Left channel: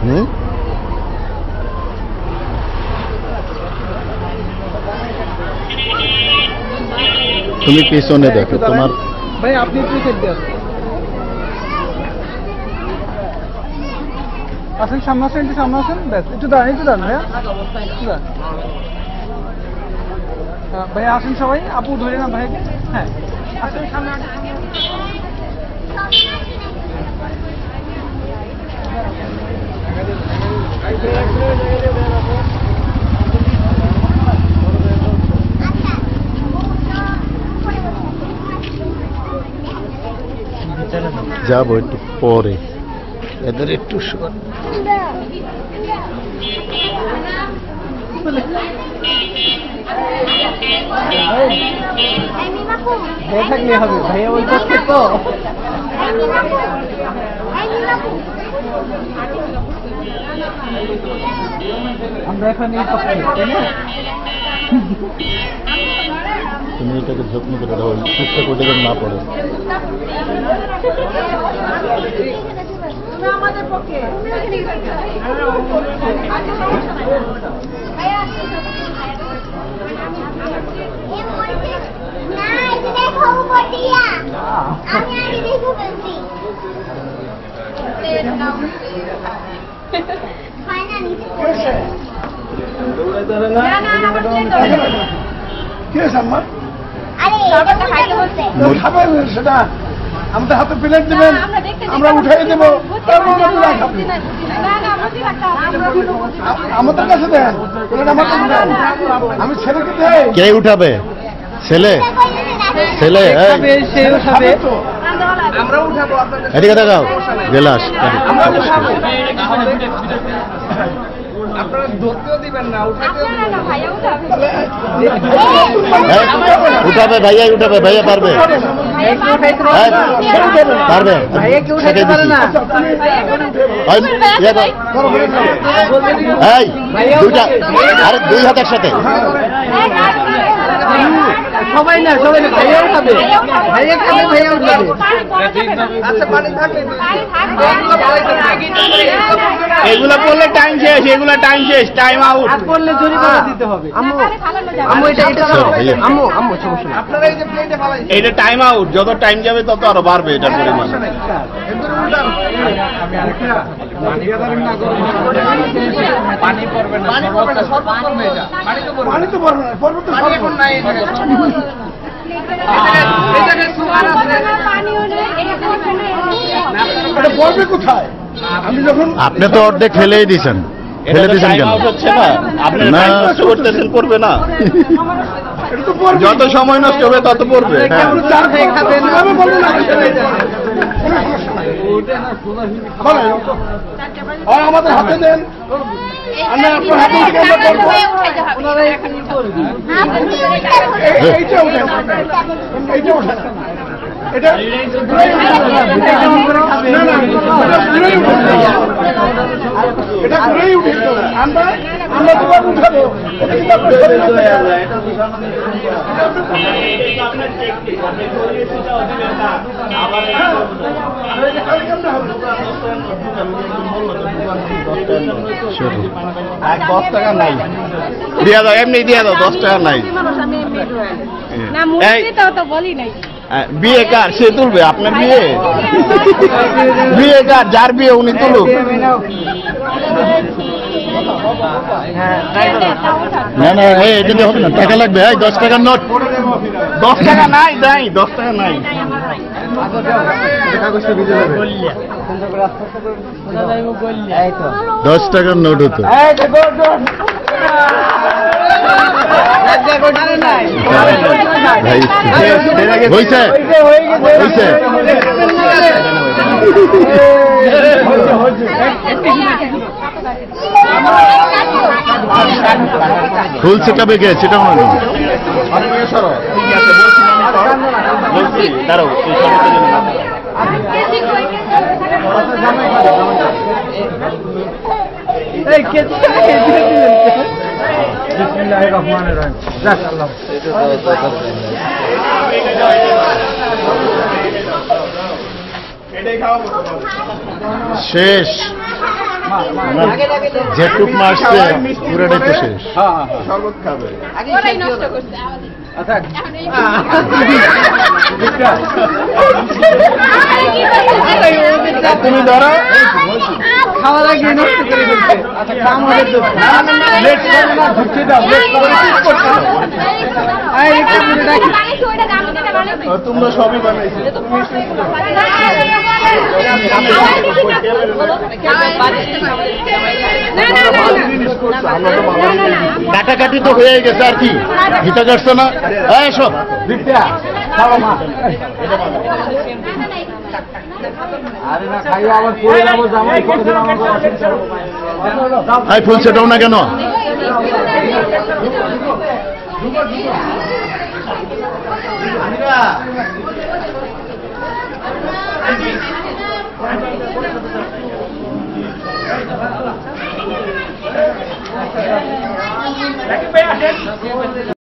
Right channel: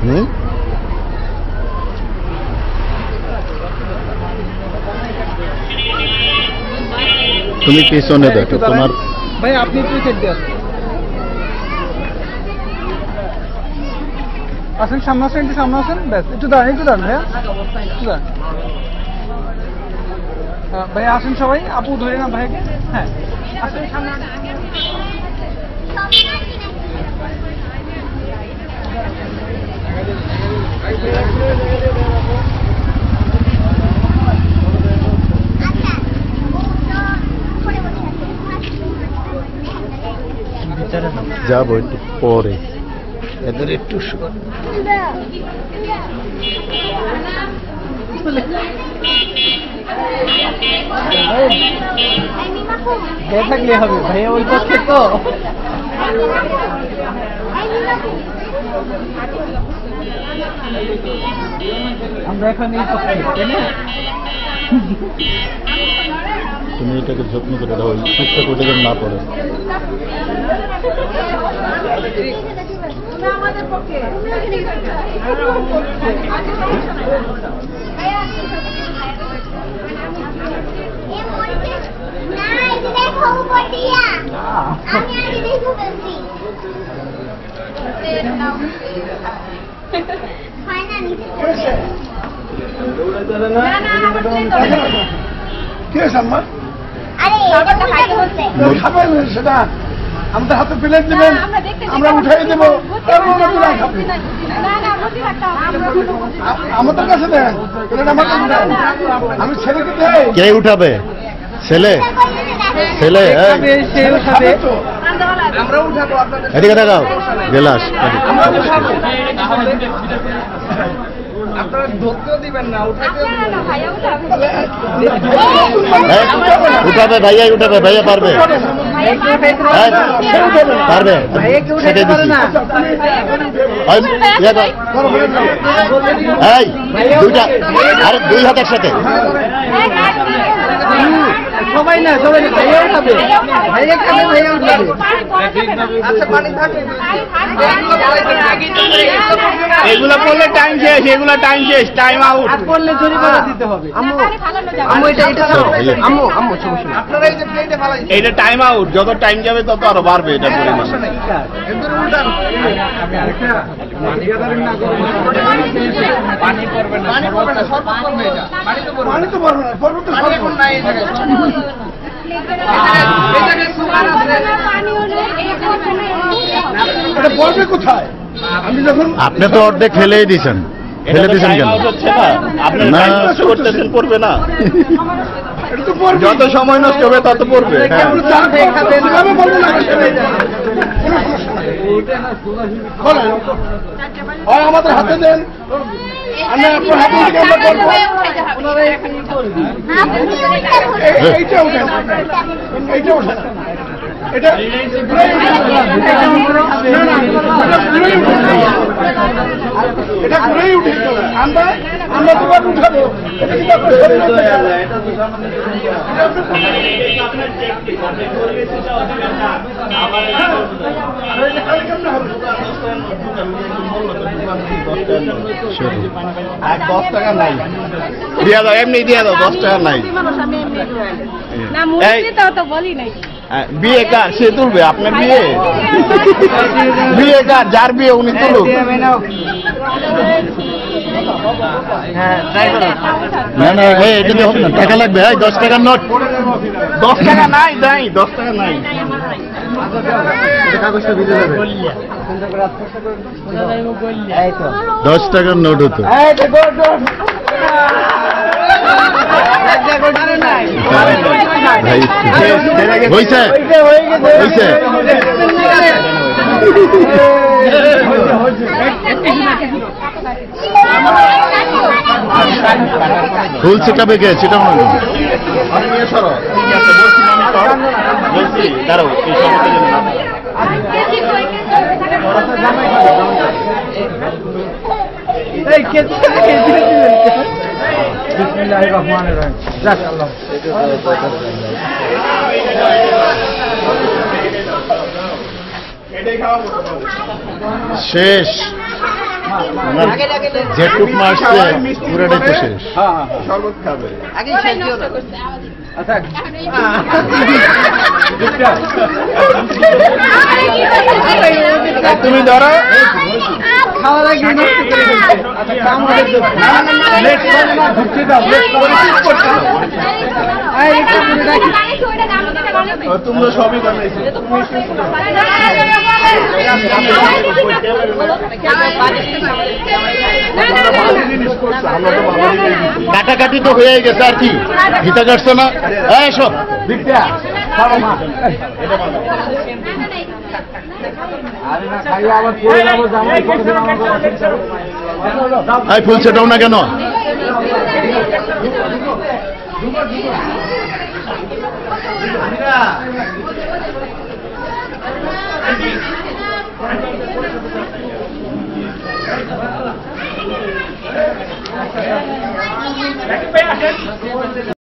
তুমি পিছনে দেখো তোমার ভাই আপনি কি খেলতে আসেন সামনে আসেন ব্যাস একটু দাঁড়ান ভাই আসেন সবাই আপু ধরে না ভাই হ্যাঁ আসেন সামনে যাবো একটু পরে এদের একটু দেখলে হবে ভাই ওই করছে তো আমরা এখন এই পক্ষে তুমি এটাকে যত্ন করে দাও টুকটা করে যেন না পড়ে সেটা আমাদের হাতে প্লেট দেবেন আমরা উঠাই দেবো আমাদের কাছে দেন আমি ছেলেকে দেই কে উঠাবে ছেলে ছেলে এদিকে দেখাও গেলাস আপনারা ধরতেও দিবেন না উঠাবে ভাইয়া পারবে পারবে সেটাই দিচ্ছি এই দুইটা আরে দুই হাত একসাথে সবাই না এগুলো করলে টাইম শেষ টাইম আউট করলে জরিমানা দিতে হবে আম্মু এটা ছাড়ো আম্মু সমস্যা নেই আপনারা এই যে প্লেটে ফেলাই এটা টাইম আউট যত টাইম যাবে তত আরো বাড়বে এটা জরিমানা আমি আরেকটা পানি পড়বে না শরবত করবে এটা পানি তো পড়বে না পানি এখন নাই এই জায়গায় সুগার আছে পানি হলো এটা পড়বে কোথায় আমি যখন আপনি তো অর্ধেক ফেলেই দিয়েছেন কেন না করবে না যত সময় নষ্ট হবে তত পড়বে আমাদের হাতে দেন আমরা আপনার হাতে থেকে আমরা করবো এইটা উঠেন এটা এটা ঘুরেই উঠে আমরা তোমাকে উঠাবো এটা কিন্তু আপনার শরীরে 10 টাকা নাই দিয়া দাও এমনি দিয়া দাও 10 টাকা নাই বিয়ে কার সে তুলবে আপনার বিয়ে কার যার বিয়ে উনি তুলুক না এটা হবে না টাকা লাগবে 10 টাকার নোট 10 টাকা নাই 10 টাকা নাই কাগজটা ভিজে যাবে 10 টাকার নোট হতো ভাই হইছে ফুল সেটাবে গে সেটা মনে বলছি দাঁড়াও এই সমস্ত জন্য শেষ ওনার যেটুক মারছে পুরাটাই তো শেষ। শরবত খাবে। ওরাই নষ্ট করছে আমাদের। আচ্ছা এখন এই তুমি ধরো খাওয়া লাগিয়ে নষ্ট করে দিচ্ছে। আচ্ছা কাম করে দাও। লেট করে না ঢুকতে দাও। লেট করে ঠিক করতে দাও। তোমরা সবই বানাইছো। কাটাকাটি তো হয়ে গেছে, আর কি ভিতা কাটছে না সব। ফুল সেটাও না কেন?